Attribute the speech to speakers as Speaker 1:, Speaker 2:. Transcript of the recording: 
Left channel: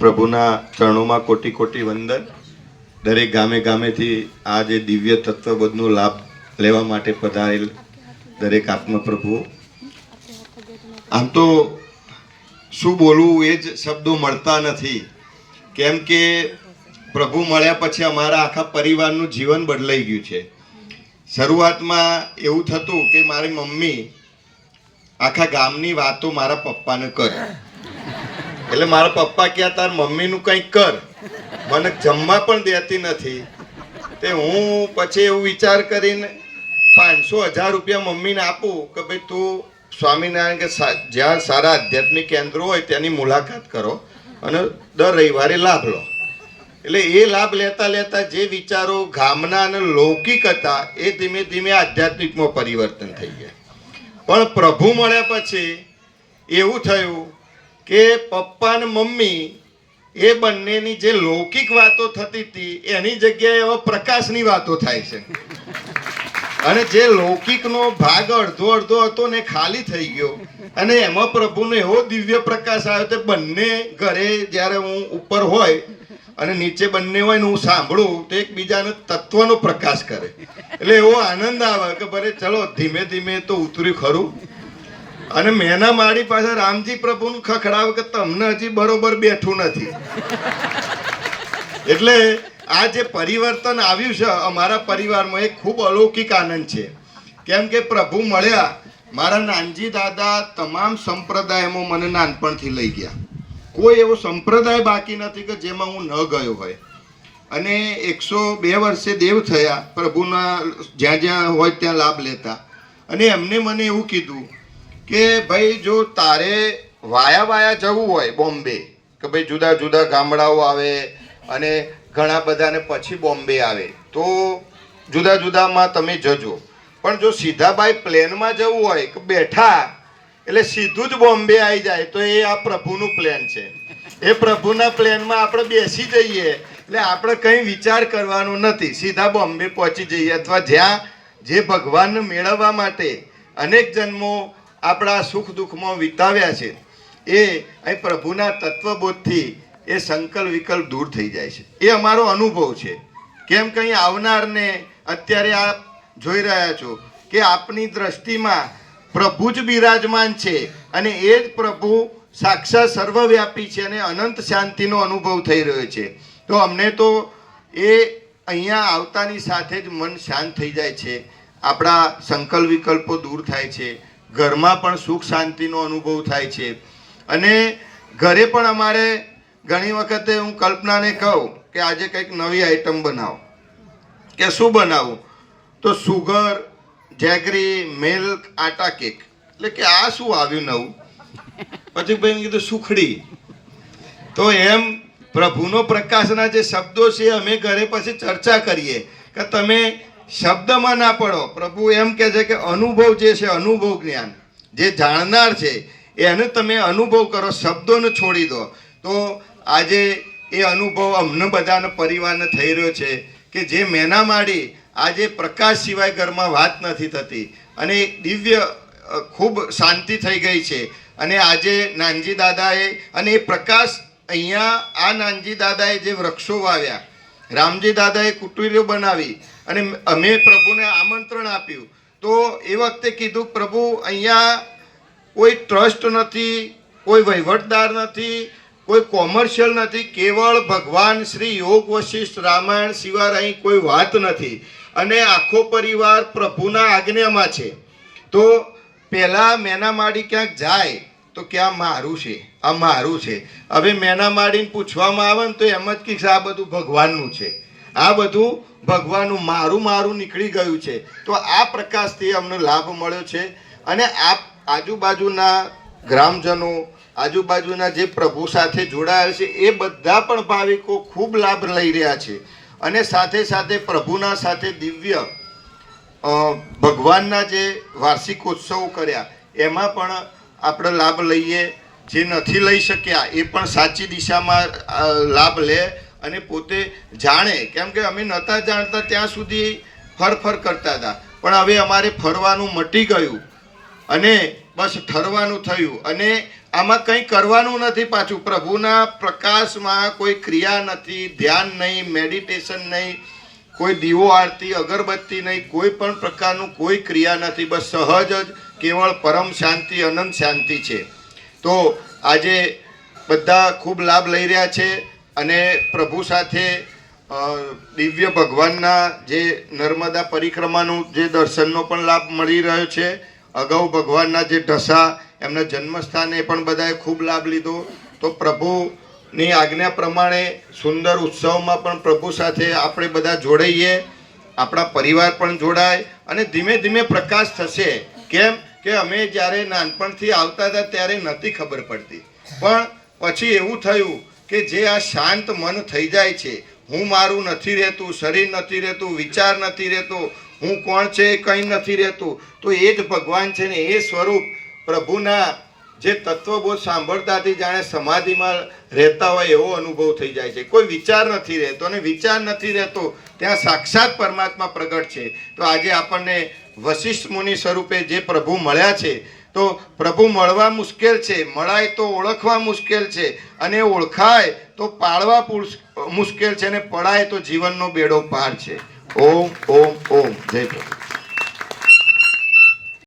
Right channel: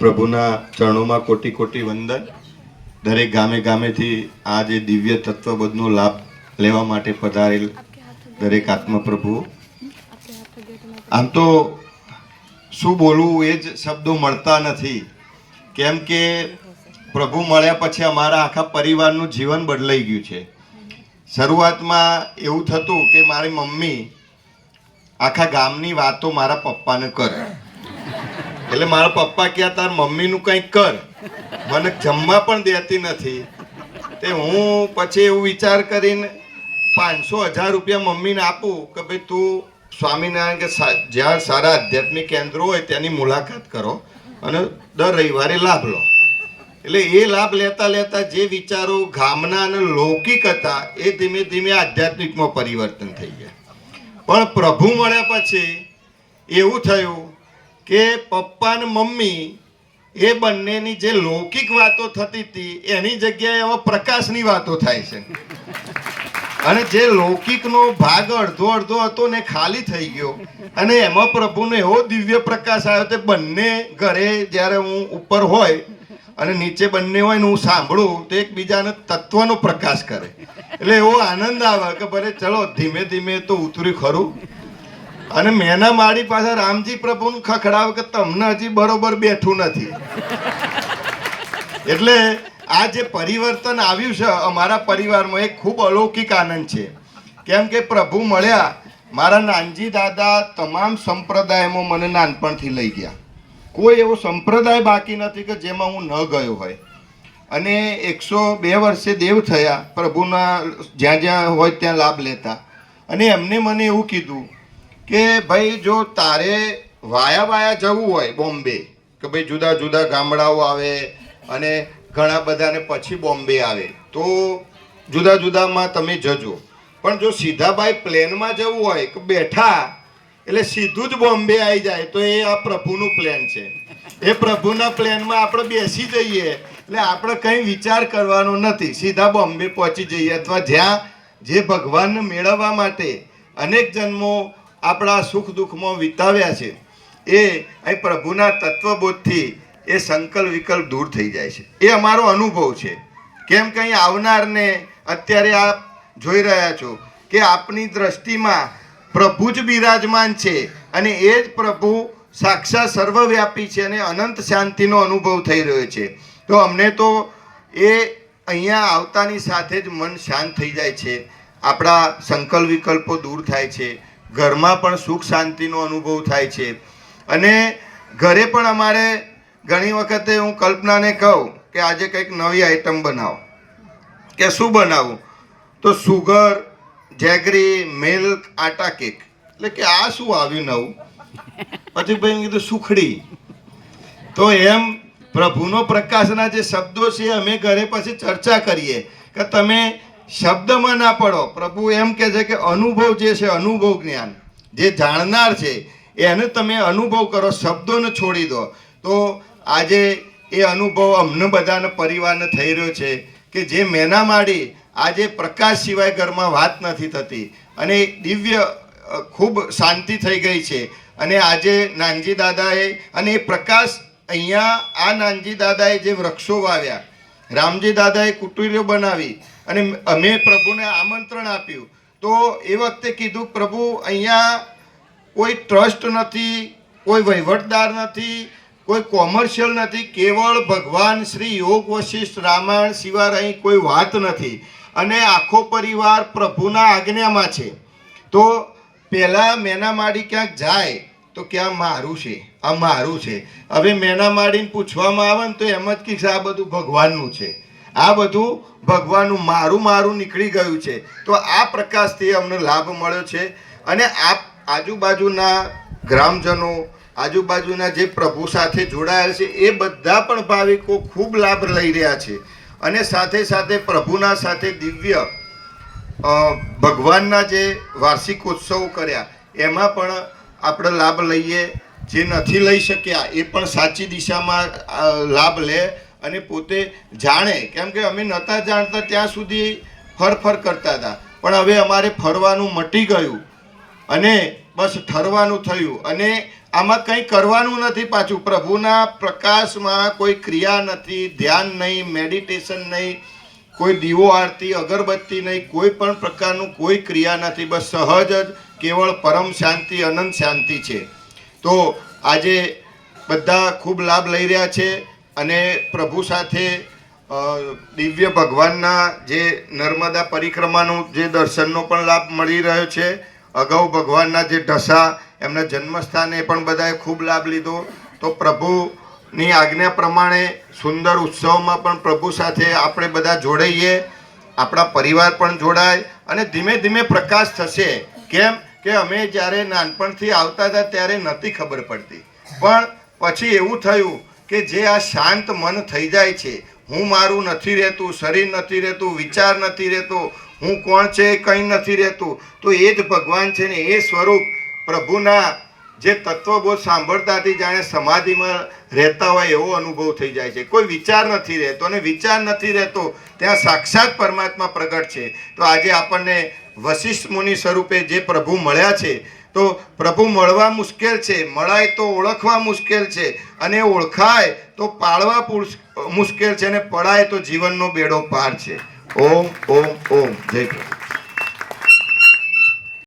Speaker 1: પ્રભુના ચરણોમાં કોટી કોટી વંદન. દરેક ગામે ગામેથી આ જે દિવ્ય તત્વબોધનો લાભ લેવા માટે પધારેલ દરેક આત્મપ્રભુ. આમ તો શું બોલવું, એ જ શબ્દો મળતા નથી. કેમ કે પ્રભુ મળ્યા પછી અમારા આખા પરિવારનું જીવન બદલાઈ ગયું છે. શરૂઆતમાં એવું થતું કે મારી મમ્મી આખા ગામની વાતો મારા પપ્પાને કરે. એટલે મારા પપ્પા કહ્યા, તાર મમ્મીનું કંઈક કર. મને જમવા પણ દેતી નથી. તે હું પછી એવું વિચાર કરીને પાંચસો હજાર રૂપિયા મમ્મીને આપું કે ભાઈ, તું સ્વામિનારાયણ કે જ્યાં સારા આધ્યાત્મિક કેન્દ્રો હોય તેની મુલાકાત કરો અને દર રવિવારે લાભ લો. એટલે એ લાભ લેતા લેતા જે વિચારો ગામના અને લૌકિક હતા, એ ધીમે ધીમે આધ્યાત્મિકમાં પરિવર્તન થઈ ગયા. પણ પ્રભુ મળ્યા પછી એવું થયું કે પપ્પા અને મમ્મી એ બંનેની જે લૌકિક વાતો થતી હતી, એની જગ્યાએ હવે પ્રકાશની વાતો થાય છે. અને જે લૌકિકનો ભાગ અડધો અડધો હતો ને ખાલી થઈ ગયો. અને એમાં પ્રભુનો એવો દિવ્ય પ્રકાશ આવ્યો તે બંને ઘરે જ્યારે હું ઉપર હોય અને નીચે બંને હોય ને હું સાંભળું, તો એકબીજાને તત્વનો પ્રકાશ કરે. એટલે એવો આનંદ આવે કે ભલે ચલો ધીમે ધીમે તો ઉતર્યું ખરું. અને મેના મારી પાસે રામજી પ્રભુને ખખડાવે કે તમને હજી બરોબર બેઠું નથી. એટલે આ જે પરિવર્તન આવ્યું છે અમારા પરિવારમાં એ ખૂબ અલૌકિક આનંદ છે. કેમ કે પ્રભુ મળ્યા, મારા નાનજી દાદા તમામ સંપ્રદાયમાં મને નાનપણથી લઈ ગયા. કોઈ એવો સંપ્રદાય બાકી નથી કે જેમાં હું ન ગયો હોય. અને એકસો બે વર્ષે દેવ થયા, પ્રભુના જ્યાં જ્યાં હોય ત્યાં લાભ લેતા. અને એમને મને એવું કીધું કે ભાઈ જો તારે વાયા વાયા જવું હોય બોમ્બે, કે ભાઈ જુદા જુદા ગામડાઓ આવે અને ઘણા બધાને પછી બોમ્બે આવે, તો જુદા જુદામાં તમે જજો. પણ જો સીધા ભાઈ પ્લેનમાં જવું હોય કે બેઠા, એટલે સીધું જ બોમ્બે આવી જાય, તો એ આ પ્રભુનું પ્લેન છે. એ પ્રભુના પ્લેનમાં આપણે બેસી જઈએ, એટલે આપણે કંઈ વિચાર કરવાનો નથી. સીધા બોમ્બે પહોંચી જઈએ અથવા જ્યાં જે ભગવાનને મેળવવા માટે અનેક જન્મો આપણા સુખ દુઃખમાં વિતાવ્યા છે, એ અહીં પ્રભુના તત્વબોધથી એ સંકલ્પ વિકલ્પ દૂર થઈ જાય છે. એ અમારો અનુભવ છે. કેમ કંઈ આવનારને અત્યારે આપ જોઈ રહ્યા છો કે આપની દ્રષ્ટિમાં પ્રભુ જ બિરાજમાન છે અને એ જ પ્રભુ સાક્ષાત સર્વવ્યાપી છે અને અનંત શાંતિનો અનુભવ થઈ રહ્યો છે. તો અમને તો એ અહીંયા આવતાની સાથે જ મન શાંત થઈ જાય છે. આપણા સંકલ્પ વિકલ્પો દૂર થાય છે. ઘરમાં પણ સુખ શાંતિનો અનુભવ થાય છે. અને ઘરે પણ અમારે ઘણી વખતે હું કલ્પનાને કહું કે આજે કંઈક નવી આઈટમ બનાવો. કે શું બનાવું? તો sugar, jaggery milk atta cake એટલે કે આ શું આવ્યું નવું? પછી ભાઈ કીધું, સુખડી. તો એમ પ્રભુનો પ્રકાશના જે શબ્દો છે, અમે ઘરે પછી ચર્ચા કરીએ કે તમે શબ્દમાં ના પડો. પ્રભુ એમ કહે છે કે અનુભવ જે છે, અનુભવ જ્ઞાન, જે જાણનાર છે, એને તમે અનુભવ કરો, શબ્દોને છોડી દો. તો આજે એ અનુભવ અમને બધાને પરિવારને થઈ રહ્યો છે કે જે મેના માડી આજે પ્રકાશ સિવાય ઘરમાં વાત નથી થતી અને દિવ્ય ખૂબ શાંતિ થઈ ગઈ છે. અને આજે નાનજી દાદાએ અને એ પ્રકાશ અહીંયા આ નાનજી દાદાએ જે વૃક્ષો વાવ્યા રામજી દાદાએ કુટીરો બનાવી અને અમે પ્રભુને આમંત્રણ આપ્યું. તો એ વખતે કીધું, પ્રભુ, અહીંયા કોઈ ટ્રસ્ટ નથી, કોઈ વહીવટદાર નથી, કોઈ કોમર્શિયલ નથી, કેવળ ભગવાન શ્રી યોગ વશિષ્ઠ રામાયણ સિવાય અહીં કોઈ વાત નથી. અને આખો પરિવાર પ્રભુના આજ્ઞામાં છે. તો પહેલાં મેના માડી ક્યાંક જાય તો કે આ મારું છે, આ મારું છે. હવે મેના માડીને પૂછવામાં આવે ને તો એમ જ કહીશ આ બધું ભગવાનનું છે. આ બધું ભગવાનનું મારું મારું નીકળી ગયું છે. તો આ પ્રકાશથી અમને લાભ મળ્યો છે. અને આ આજુબાજુના ગ્રામજનો, આજુબાજુના જે પ્રભુ સાથે જોડાયેલ છે, એ બધા પણ ભાવિકો ખૂબ લાભ લઈ રહ્યા છે. અને સાથે સાથે પ્રભુના સાથે દિવ્ય ભગવાનના જે વાર્ષિકોત્સવ કર્યા, એમાં પણ આપણે લાભ લઈએ, જે નથી લઈ શક્યા, એ પણ સાચી દિશામાં લાભ લે અને પોતે જાણે. કેમ કે અમે નહોતા જાણતા ત્યાં સુધી ફર ફર કરતા હતા. પણ હવે અમારે ફરવાનું મટી ગયું અને બસ ઠરવાનું થયું અને આમાં કંઈ કરવાનું નથી પાછું. પ્રભુના પ્રકાશમાં કોઈ ક્રિયા નથી, ધ્યાન નહીં, મેડિટેશન નહીં, કોઈ દીવો આરતી, અગરબત્તી નહીં, કોઈ પણ પ્રકારનું કોઈ ક્રિયા નથી. બસ સહજ જ કેવળ પરમ શાંતિ, અનંત શાંતિ છે. તો આજે બધા ખૂબ લાભ લઈ રહ્યા છે અને પ્રભુ સાથે દિવ્ય ભગવાનના જે નર્મદા પરિક્રમાનું જે દર્શનનો પણ લાભ મળી રહ્યો છે. અગાઉ ભગવાનના જે ઢસા, એમના જન્મસ્થાને પણ બધાએ ખૂબ લાભ લીધો. તો પ્રભુની આજ્ઞા પ્રમાણે સુંદર ઉત્સવમાં પણ પ્રભુ સાથે આપણે બધા જોડાઈએ, આપણા પરિવાર પણ જોડાય અને ધીમે ધીમે પ્રકાશ થશે. કેમ? કે અમે જ્યારે નાનપણથી આવતા હતા ત્યારે નથી ખબર પડતી. પણ પછી એવું થયું કે જે આ શાંત મન થઈ જાય છે, હું મારું નથી રહેતું, શરીર નથી રહેતું, વિચાર નથી રહેતો, હું કોણ છે કંઈ નથી રહેતું, તો એ જ ભગવાન છે ને એ સ્વરૂપ પ્રભુના જે તત્વબોધ સાંભળતાથી જાણે સમાધિમાં રહેતા હોય એવો અનુભવ થઈ જાય છે. કોઈ વિચાર નથી રહેતો અને વિચાર નથી રહેતો, ત્યાં સાક્ષાત પરમાત્મા પ્રગટ છે. તો આજે આપણને વશિષ્ઠ મુનિ સ્વરૂપે જે પ્રભુ મળ્યા છે, તો પ્રભુ મળવા મુશ્કેલ છે, મળાય તો ઓળખવા મુશ્કેલ છે, અને ઓળખાય તો પાળવા મુશ્કેલ છે, અને પડાય તો જીવનનો બેડો પાર છે. ઓમ ઓમ ઓમ. જય પ્રભુ.